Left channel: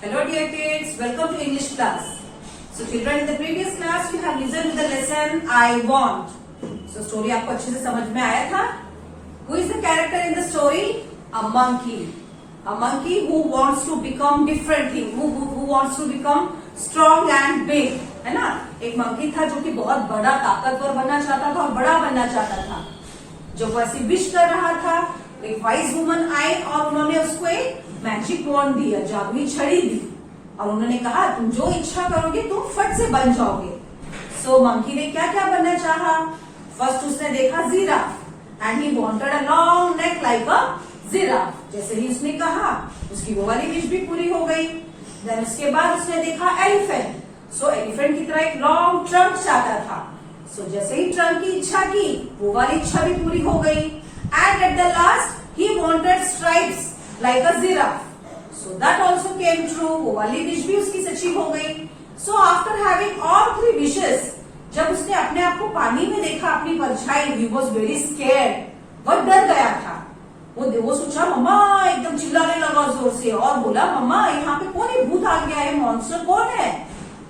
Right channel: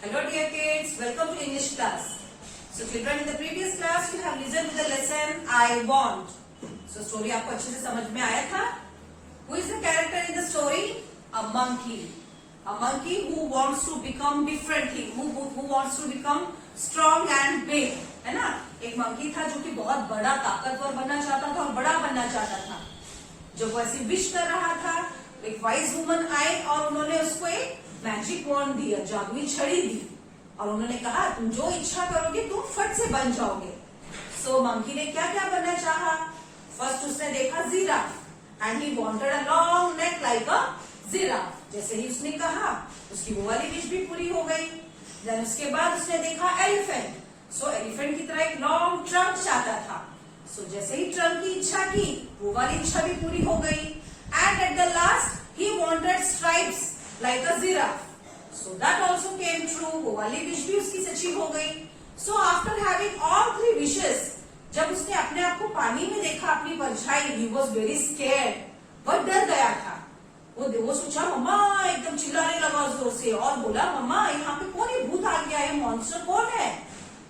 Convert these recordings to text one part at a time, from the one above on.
Hello dear kids, welcome to English class. So children, in the previous class you have listened to the lesson I want. So story आपको अच्छे से समझ में आया था? Who is the character in the story? A monkey. A monkey who wants to become different thing, who wants to become strong and big, है ना? एक monkey था जो कि बहुत बड़ा ताकतवर बनना चाहता था और बड़ा बनना चाहता था. जब वो ऐसी विश कर रहा था, एक वाइज वुमन आई और उन्होंने उसको एक मैजिक वॉन्ड दिया, जादुई छड़ी दी और उन्होंने कहा तुम जो इच्छा करोगे तुम फट से बन जाओगे. सो मंकी ने क्या क्या बनना चाहा? फर्स्ट उसने देखा giraffe and he wanted a long neck like a giraffe. जैसे ही उसने कहा उसकी वो वाली विश भी पूरी हो गई. देन उसके बाद उसने देखा एलिफेंट. सो एलिफेंट की तरह एक लॉन्ग ट्रंक चाहता था. सो जैसे ही ट्रंक की इच्छा की वो वाली इच्छा भी पूरी हो गई. And at the last he wanted stripes like a giraffe. So that also came true. वो वाली विश भी उसकी सच्ची हो गई. So after having all three wishes, जब उसने अपने आप को पानी में देखा अपनी परछाई, he was very scared. वह डर गया था. वो सोचा मम्मा, एकदम चिल्लाने लगा जोर से और बोला मम्मा यहाँ पे कौन है? भूत आ गया है, मॉन्स्टर कौन है?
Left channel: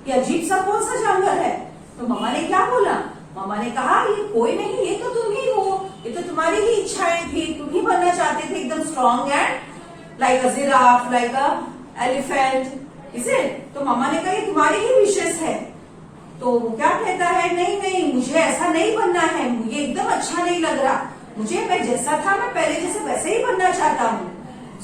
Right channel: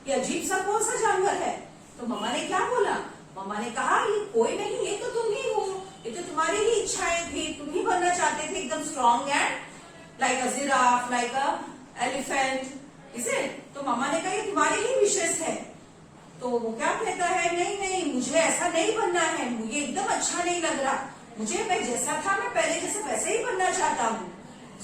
ये अजीब सा कौन सा जानवर है? तो मम्मा ने क्या बोला? मम्मा ने कहा ये कोई नहीं, ये तो तुम ही हो, ये तो तुम्हारी ही इच्छाएं थी, तुम ही बनना चाहते थे एकदम strong and like a giraffe, like a elephant, is it? तो मामा ने कहा ये तुम्हारी ही विशेष है. तो वो क्या कहता है, नहीं नहीं मुझे ऐसा नहीं बनना है, मुझे एकदम अच्छा नहीं लग रहा, मुझे मैं जैसा था मैं पहले जैसे वैसे ही बनना चाहता हूँ.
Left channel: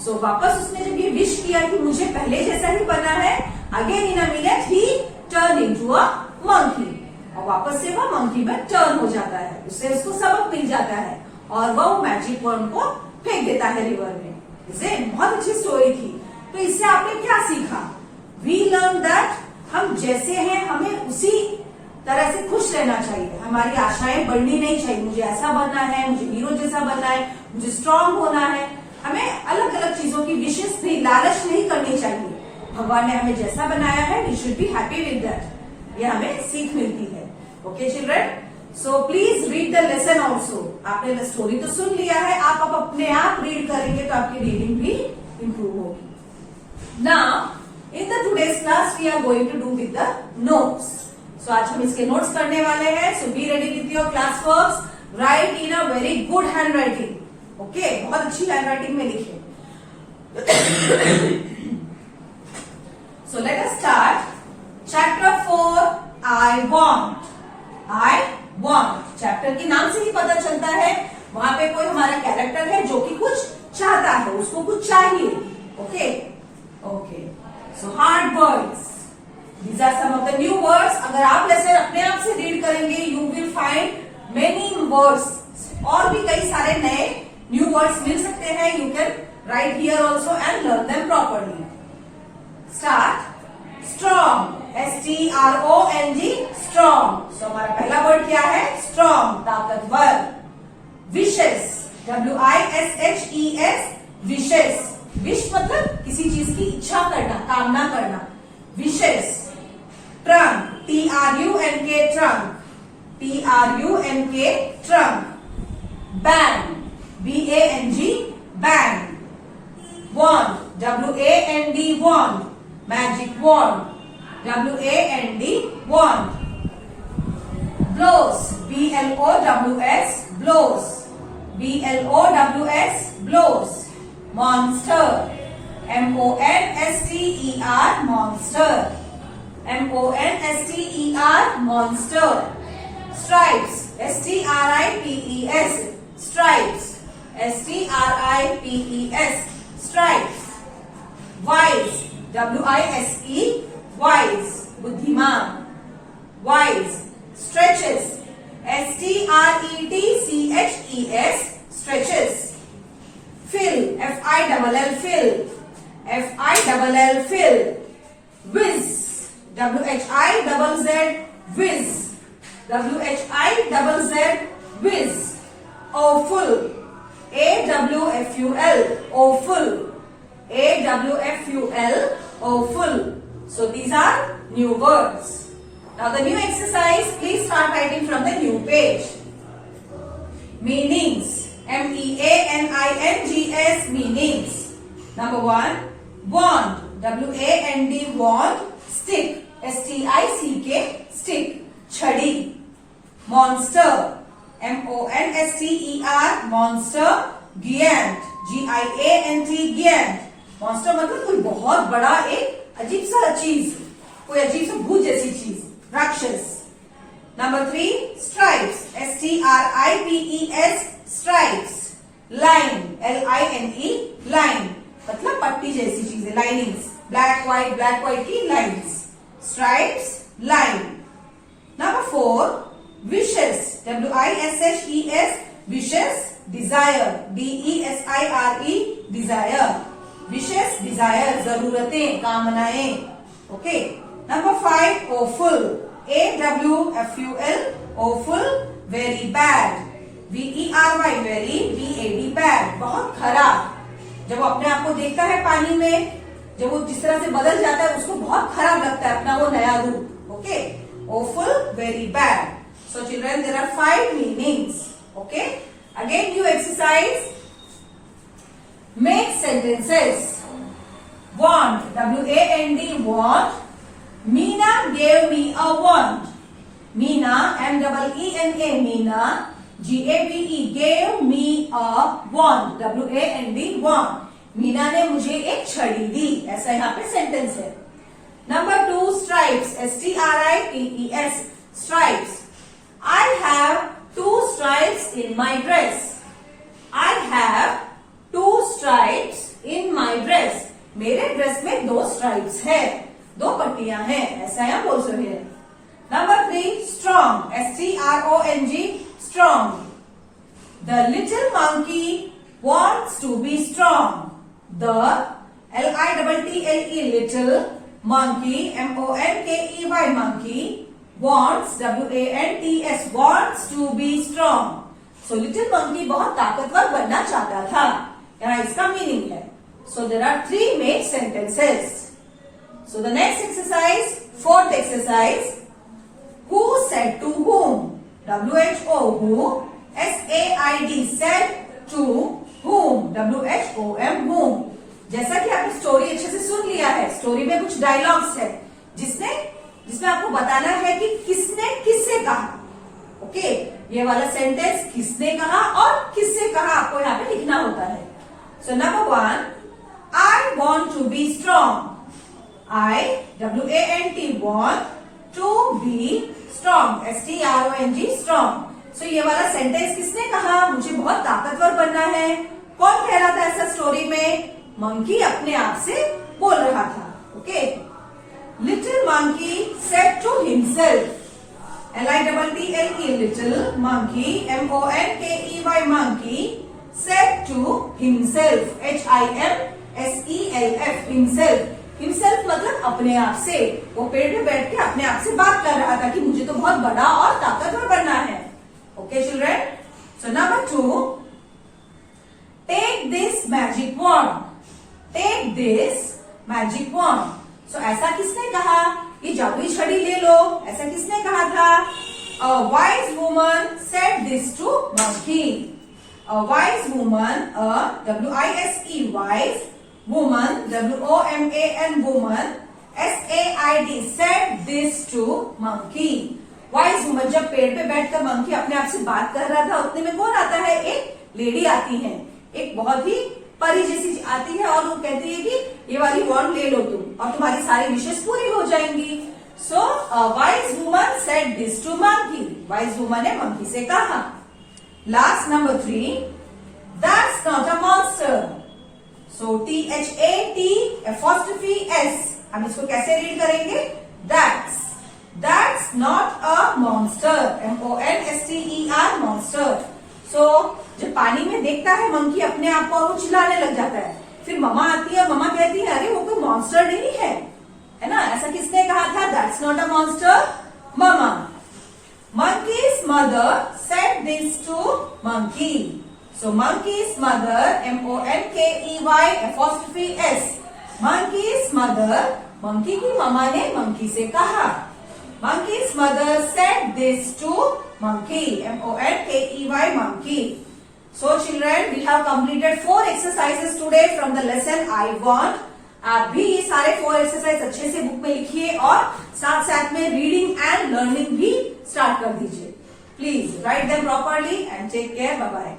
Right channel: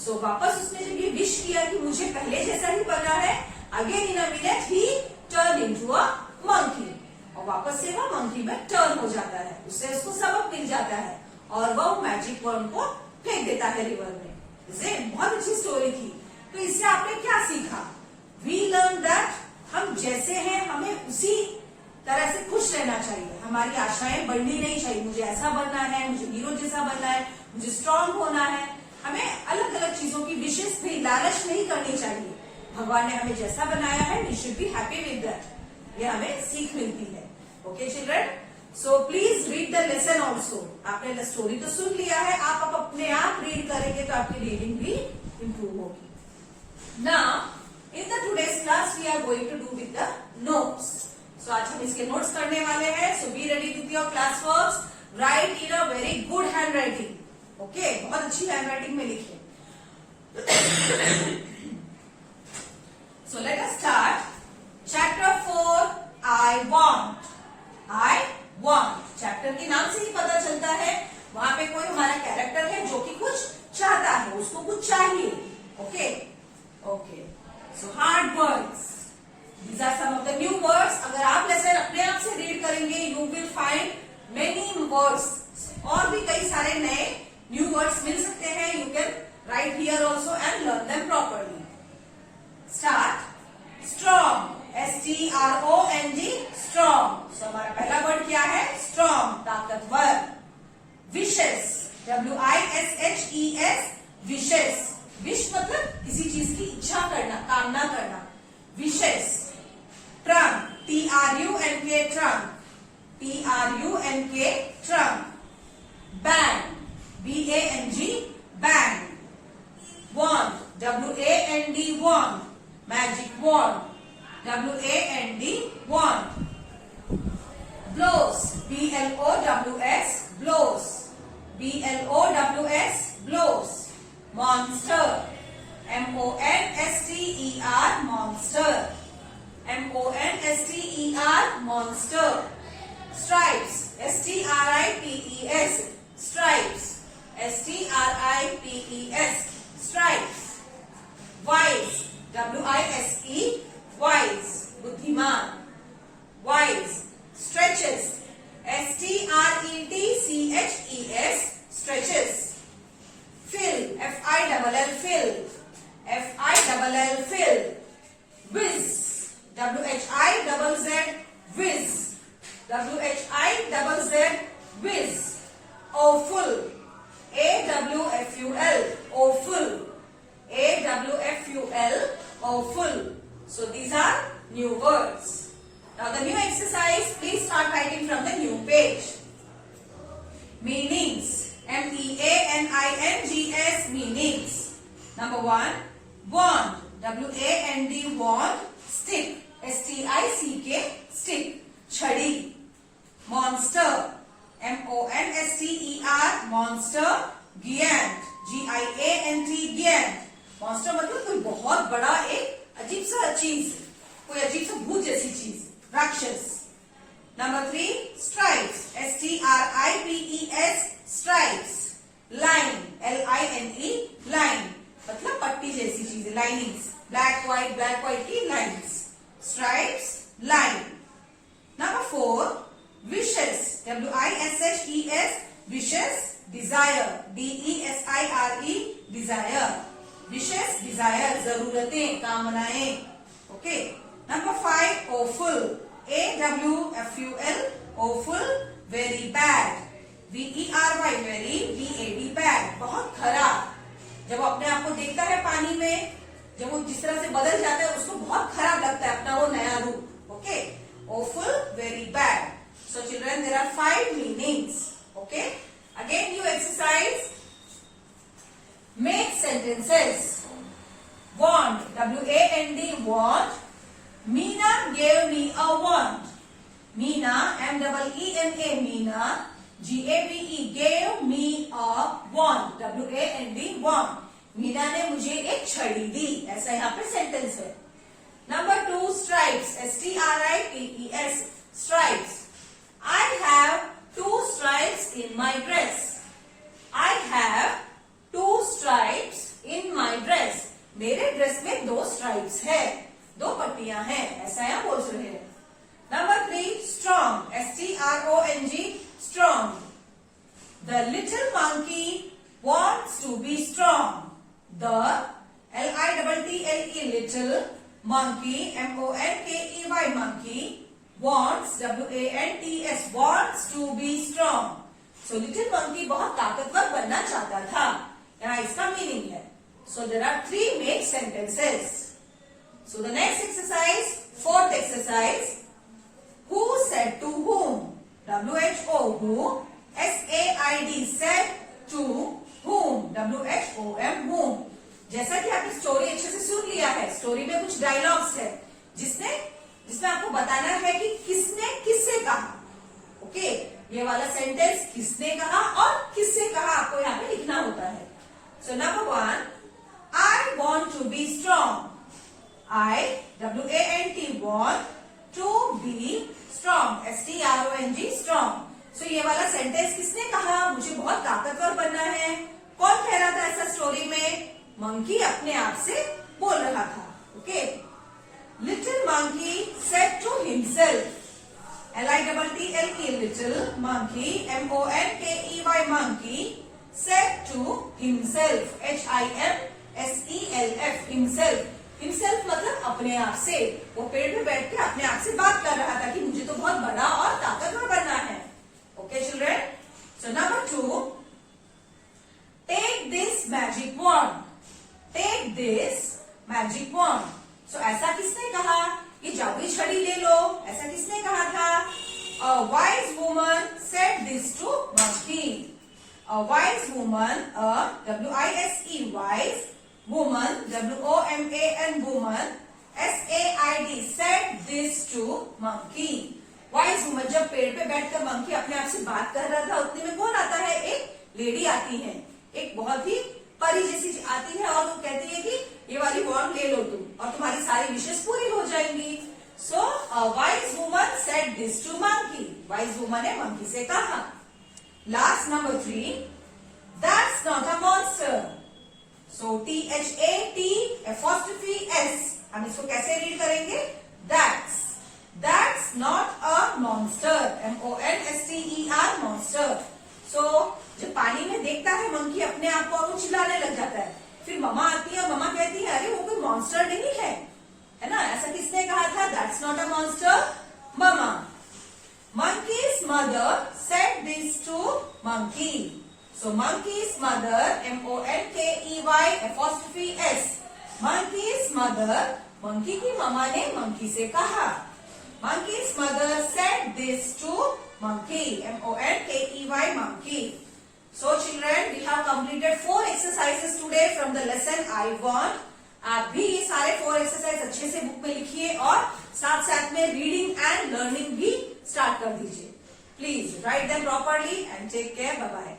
सो वापस उसने जब ये विश किया कि मुझे पहले जैसा ही बनना है, again in a minute he turn into a monkey. और वापस से वो मंकी में टर्न हो जाता है. उससे उसको सबक मिल जाता है और वो मैजिक वर्ड को फेंक देता है रिवर में. इसे बहुत अच्छी स्टोरी थी. तो इससे आपने क्या सीखा? वी लर्न दैट हम जैसे हैं हमें उसी तरह से खुश रहना चाहिए. हमारी आशाएं बढ़नी नहीं चाहिए. मुझे ऐसा बनना है, मुझे हीरो जैसा बनना है, मुझे स्ट्रांग होना है. हमें अलग अलग चीजों की विशेष भी लालच नहीं करनी चाहिए. भगवान ने हमें जैसा बनाया है, we should be happy with that. ये हमें सीख मिलती है. Okay children, so please read the lesson also. आपने स्टोरी तो सुन लिया है, आप अपने आप रीड करेंगे तो आपकी रीडिंग भी इम्प्रूव होगी. Now in the today's class we are going to do with the notes. So आज हम इसके नोट्स पढ़ने वाले हैं. So be ready with your class works. Right in a very good handwriting. Okay, बहुत अच्छी handwriting में लिखे. So let us start. Chapter 4 I want. I want chapter के नाम से ही पता चलता है वहां पे कोई हमारा कैरेक्टर है जो कि कुछ चाहता है, उसको कुछ चाहिए. Okay okay, so hard words. These are some of the new words. अगर आप लेसन अपने आप से रीड करेंगे you will find many words. और भी कई सारे नए न्यू वर्ड्स मिल सकते हैं. You can write here also and learn them properly. Start. Strong. STRONG, strong. सो हमारा पहला वर्ड क्या है? स्ट्रॉन्ग, ताकतवर. विशेस. WISHES, wishes. विश मतलब किसी चीज की इच्छा करना, कामना करना. Wishes. Trunk. TRUNK, trunk. TRUNK, trunk. Band. BANG, band. Wand. WAND, wand. Magic wand. WAND, wand. Blows. BLOWS, blows. BLOWS, blows. Monster. MONSTER, monster. MONSTER, monster. Stripes. STRIPES, stripes. STRIPES, stripes. Wise. WISE, wise, बुद्धिमान. Wise. Stretches. STRETCHES, stretches. Fill. FILL, fill. FILL, fill. Whiz. WHIZZ, whiz. WHIZZ, whiz. Awful. AWFUL, awful. AWFUL, awful. So these are new words. Now the new exercise, please start writing from the new page. Meanings. MEANINGS, meanings. Number 1, want. WAND wand, stick, STICK, stick, छड़ी. Monster, MONSTER, monster. Giant, GIANT, giant. Monster मतलब कोई बहुत बड़ा एक अजीब सा चीज, कोई अजीब सा भूत जैसी चीज, राक्षस. Number 3, stripes, STRIPES, stripes. Line, LINE, line मतलब पट्टी जैसी चीजें, लाइनिंग्स. ब्लैक व्हाइट की lines. Stripes, line. Number 4, wishes, WISHES, wishes. Desire, DESIRE, desire. Wishes, desire, जरूरतें, कामनाएं. Okay. Number 5, awful, AWFUL, awful, very bad. VERY, very, BAD, bad, बहुत खराब. जब वो अपने आप को देखता है पानी में, जब वो जिस तरह से बदल जाता है, उसको बहुत खराब लगता है अपना वो नया रूप. Okay. Awful, very bad. So children, there are 5 meanings. Okay. Again, new exercise. Make sentences. Want, WAND, want. Meena gave me a wand. Meena, MEENA, Meena. GAVE, gave me a wand. WAND, wand. Meena ने मुझे एक छड़ी दी. ऐसा यहाँ पे sentence है. Number 2, stripes, STRIPES, stripes. I have 2 stripes in my dress. I have 2 stripes in my dress. मेरे dress में 2 स्ट्राइप्स है, 2 पट्टियां हैं. ऐसा यहाँ बोल सकते हैं. Number 3, strong, STRONG, strong. The little monkey wants to be strong. The LITTLE, little monkey, MONKEY, monkey, wants, WANTS, wants to be strong. So little monkey बहुत ताकतवर बनना चाहता था. यहाँ इसका मीनिंग है. So there are 3 make sentences. So the next exercise, 4th exercise. Who said to whom? WHO, who. SAID, said to whom? WHOM, whom. जैसा कि आपने स्टोरी अच्छे से सुन लिया है, स्टोरी में कुछ डायलॉग्स है जिसमें आपको बताना है कि किसने किससे कहा. ओके. ये वाला सेंटेंस किसने कहा और किससे कहा आपको यहाँ पे लिखना होता है. So number 1, I want to be strong. I, WANT, want to be strong, STRONG, strong. सो ये वाला सेंटेंस किसने कहा? मुझे बहुत ताकतवर बनना है. कौन कह रहा था ऐसा स्टोरी में? मंकी अपने आप से बोल रहा था. Okay. Little monkey said to himself, LITTLE, little monkey, MONKEY, monkey, said to himself, HIMSELF, himself. himself मतलब अपने आप से. वो पेड़ पे बैठ के अपने आप से बात कर रहा था कि मुझे तो बहुत बड़ा और ताकतवर बनना है. Okay, children. So number 2, take this magic wand. Take this magic wand. So ऐसा किसने कहा? ये जादुई छड़ी ले लो. ऐसा किसने कहा था? A wise woman said this to monkey. A wise woman, WISE, wise woman, WOMAN, woman, SAID, said this to monkey. Wise woman जब पेड़ पे बैठकर मंकी अपने आप से बात कर रहा था, उतने में कौन आता है? एक लेडी आती है, एक बहुत ही परी जैसी आती है और वो कहती है कि ये वाली वॉन्ड ले लो तुम और तुम्हारी सारी विशेष पूरी हो जाएंगी. So wise woman said this to monkey. Wise woman ने मंकी से कहा. Last number 3, that's not a monster. So THAT''S, हम इसको कैसे रीड करेंगे? That's not a monster, MONSTER, monster. So जब पानी में देखता है मंकी अपने आप को, वो चिल्लाने लग जाता है. फिर मम्मा आती है, मम्मा कहती है अरे वो कोई मॉन्स्टर नहीं है ना. ऐसा किसने कहा था? That's not a monster, mamma. Monkey's mother said this to monkey. So monkey's mother, MONKEY''S, monkey's mother, monkey की मम्मा ने मंकी से कहा. Monkey's mother said this to monkey, MONKEY, monkey. So children, we have completed 4 exercises today from the lesson I want. आप भी ये सारे 4 exercise अच्छे से बुक में लिखिए और साथ साथ में रीडिंग एंड लर्निंग भी स्टार्ट कर दीजिए. Please write them properly and take care. Bye bye.